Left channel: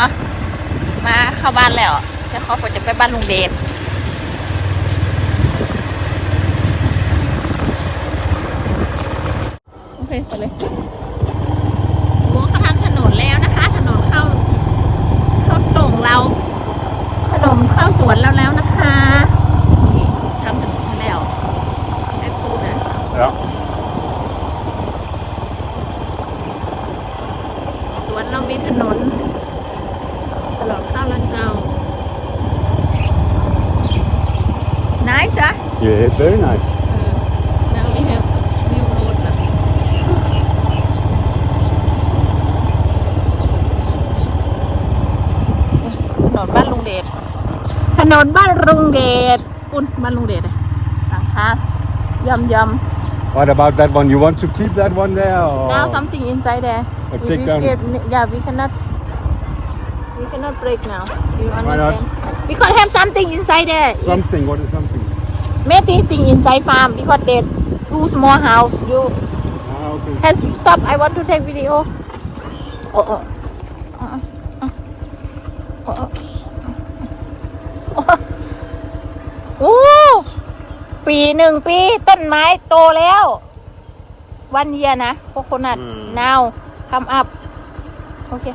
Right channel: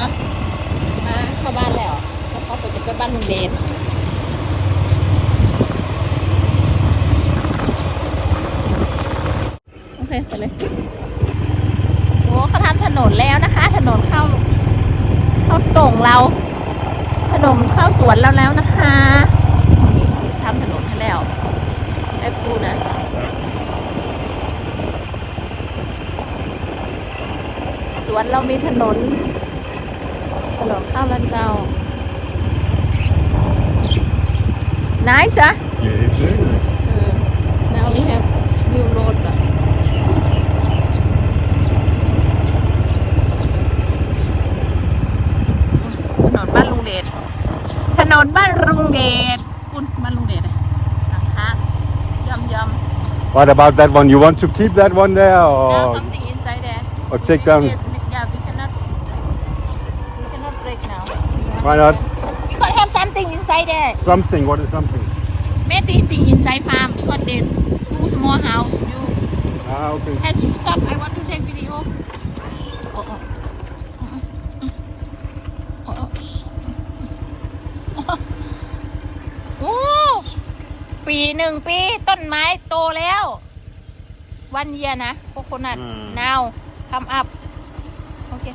อะมาเข้าบ้านแล้วจะขอจะไปบ้านลุงเดชโอเคไปเลยโอ้เขาทำถนนแล้วนะคะ ถนนเข้า เข้าตรงเรา ถนนเข้าสวนเราแล้วนะคะทำถนนให้แล้วไอ้ปูนะ Ja. สวนเรามีถนน nice อะ Yeah, it's very nice. Uh, now we have new road นะถนนบ้านลุงเดช ถนนบ้านลุงเดชปุ้นบ้านลุงเดชเลยหลังคายำยำ What about that one? You want to keep that one there or? now something inside there or If take we them? keep- yeah we cannot we cannot break now You Why not? understand? because have something inside there Something. What is something? Maybe thing inside farm because they too small house you Ah, okay. Can you stop? I want to take video. Oh, oh. Uh, uh, uh, uh. โอ้ปีหนึ่งปีต้นไม้โตแล้ว วันเยียนะโคโคนัทอืม now come up โอเค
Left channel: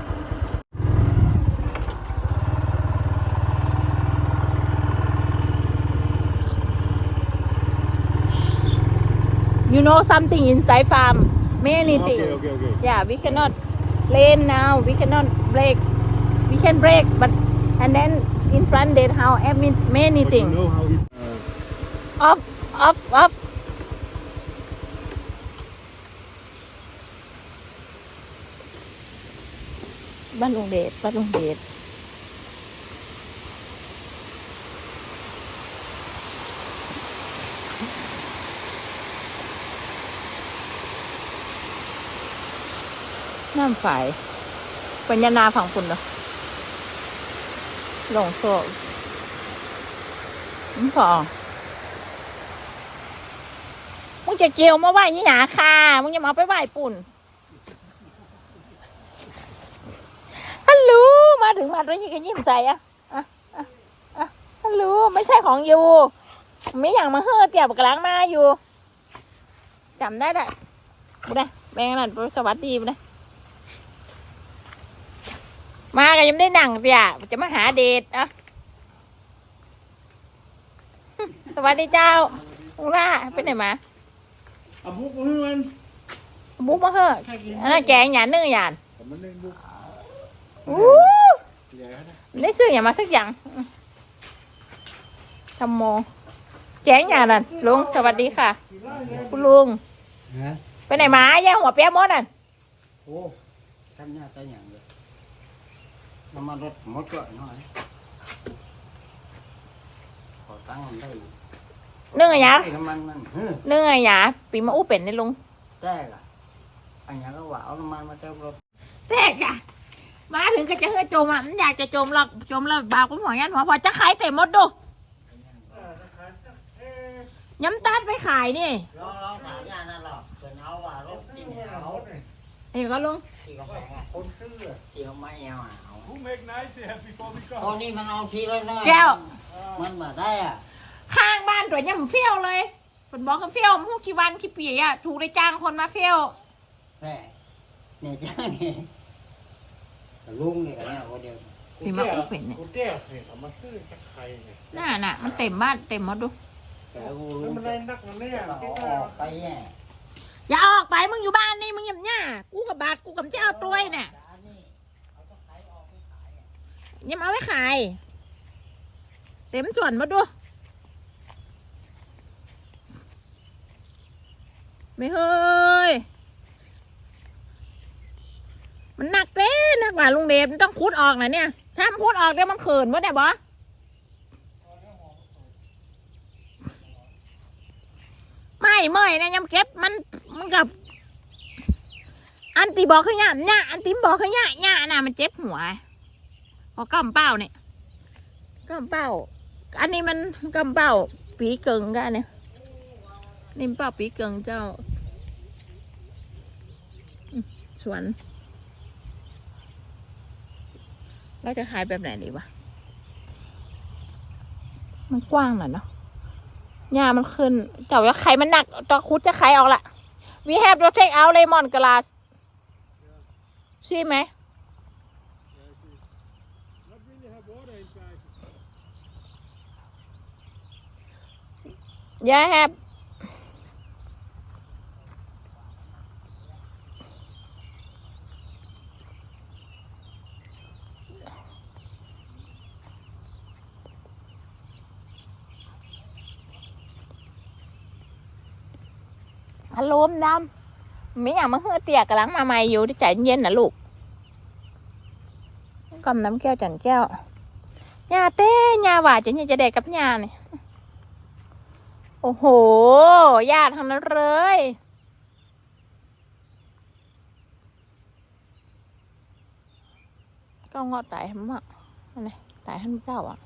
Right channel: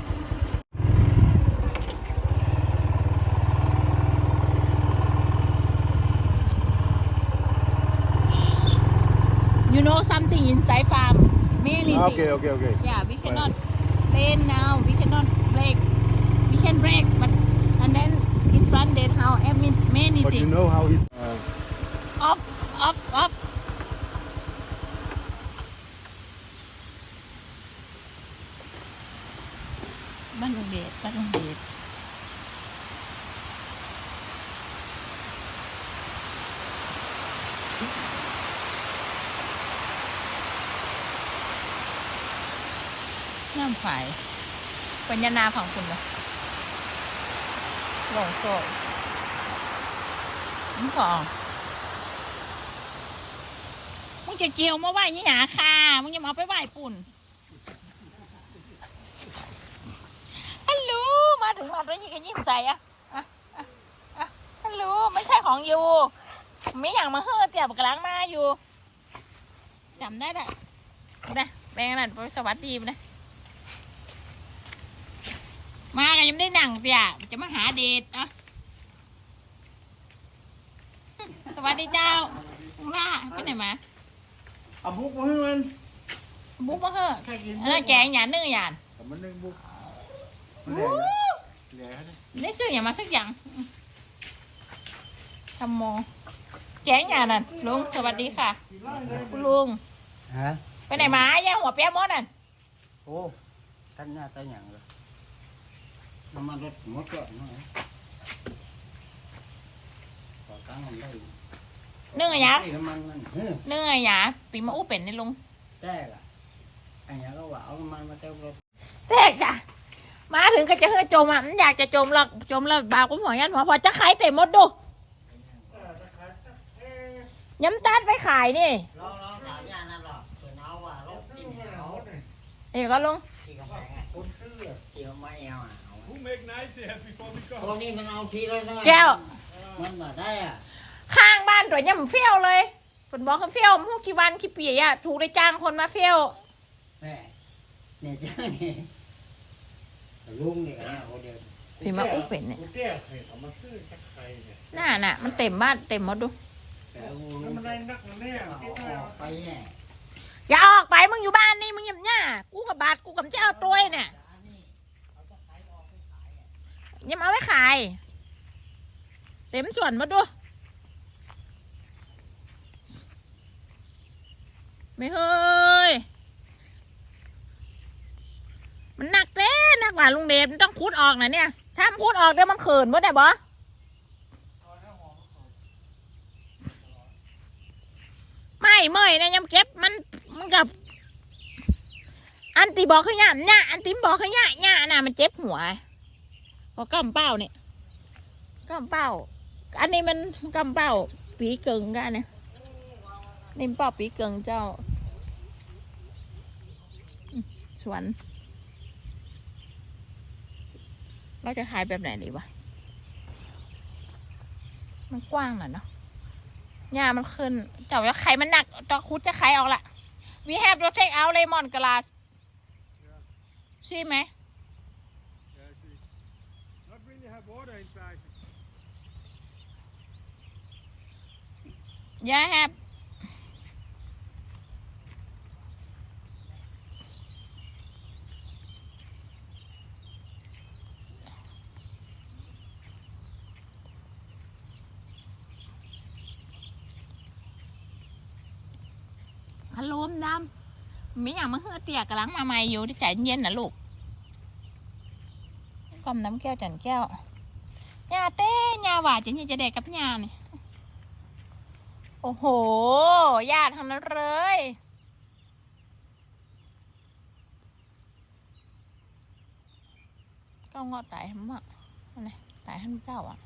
know something inside farm. Many things. Okay, okay, okay. Yeah, we cannot lane now. We cannot break. We can break, but and then in front their how I mean many But you things. know how. Uh, Up, up, up. Bắt lùng đệt, bắt. น้ำฝายปัญญานาของคุณเนาะหลงโซ่นี่พอมึงจะเกี่ยวมาไหว้ยี่หนาค่ะมึงอย่ามาเอาไปไหว้ปุ่นฮัลโหลมาถึงมาด้วยยี่กันยิ้มใจอะฮัลโหลไม่ใช่ของยูไม่อย่างมาเฮ้อเตียบกลางมาอยู่จำได้ได้บุนะแบงค์นั่นสวัสดีนะ มากันยังไม่ได้หนังเตียจะมาหาเดทอะสวัสดีเจ้าอุล่าไปไหนมาเอาบุกมาให้มันบุ๊กมาเฮ้อใครกินอันนั้นแกงหยาเนื้อหยานผมมันเล่นบุกอู้เหลือเขาเนี่ยได้ซื้ออย่างมาสักอย่างทำโมแกงอย่างนั้นลุงสวัสดีค่ะ คุณลุงฮะไปไหนมาแย่หัวเปียมดนั่นโอ้ท่านหน้าตาอย่างเลย น้ำมันรถหมดเกาะหน่อยขอตั้งค์มันได้เนื่องอะไรยะน้ำมันมันเฮ้ยเนื่องอะไรยะปีมาอู้เป็นในลุงแจ้ละอันนี้ก็ว่าเอาน้ำมันมาเติมรถแตกอะมาถึงก็จะเฮ้ยจมอะมันอยากจะจมหรอกจมแล้วบากุ้งหอยยันหัวพอจะขายเต็มหมดดูย้ำตาดไปขายนี่เราเราสามอย่างนั่นหรอกเป็นเอาว่ารถกินเอานี่ก็ลุง ที่กาแฟอะคนซื้อที่เขาไม่เอาอะเอา Who make nice here before we ตอนนี้มันเอาทีละน้อยแก้ว มันมาได้อะข้างบ้านตัวย่ำเฟี้ยวเลยคนบอกเขาเฟี้ยวพวกกี่วันกี่ปีอะถูกได้จ้างคนมาเฟี้ยว แม่เนี่ยจ้าเนี่ยลุงเนี่ยนะคนเดียวปีมาอู้เป็นเนี่ย กูแก้เห็ดเอามาซื้อจากใครเนี่ยน่าน่ะ มันเต็มบ้านเต็มหมดดู แต่กูแล้วรู้มันได้นักมันแน่เอาที่อว่าอกไปเนี่ยอย่าออกไปมึงอยู่บ้านนี่มึงอย่าหน้ากูกับบาทกูกับเจ้าตัวน่ะอ ยังเอาไว้ขาย เต็มส่วนมาดูไม่เฮ้ย มันหนักเต้หนักกว่าลุงเดชมันต้องคุดออกนะเนี่ย ถ้ามันคุดออกเดี๋ยวมันเขินวะได้บอไม่ไม่นะยำเก็บมันมันกับ อันตีบอกขยะเนี่ยอันติมบอกขยะเนี่ยน่ะมันเจ็บหัว พอกำเป้าเนี่ยกำเป้า อันนี้มันกำเป้าปีเกิงกันเนี่ยนี่เป้าปีเกิงเจ้าสวนเราจะขายแบบไหนดีวะ มันกว้างหน่อยเนาะหญ้ามันขึ้น เจ้าจะไขมันหนักตะคุดจะไขออกละ we have to take out lemon glass ใช่ไหม Yeah, have. Alo ông Nam Mấy nhà mới hơi tiệc cả lắng mà mày vô đi chạy nhiên nè lục Cầm nắm keo chẳng keo Nhà tê nhà vải chỉ nhưจะเด็กกับnhà này โอ้โหญาติทั้งนั้นเลย ก็งอตายห้มันอะอันนี้ตายห้มันเจ้าอะ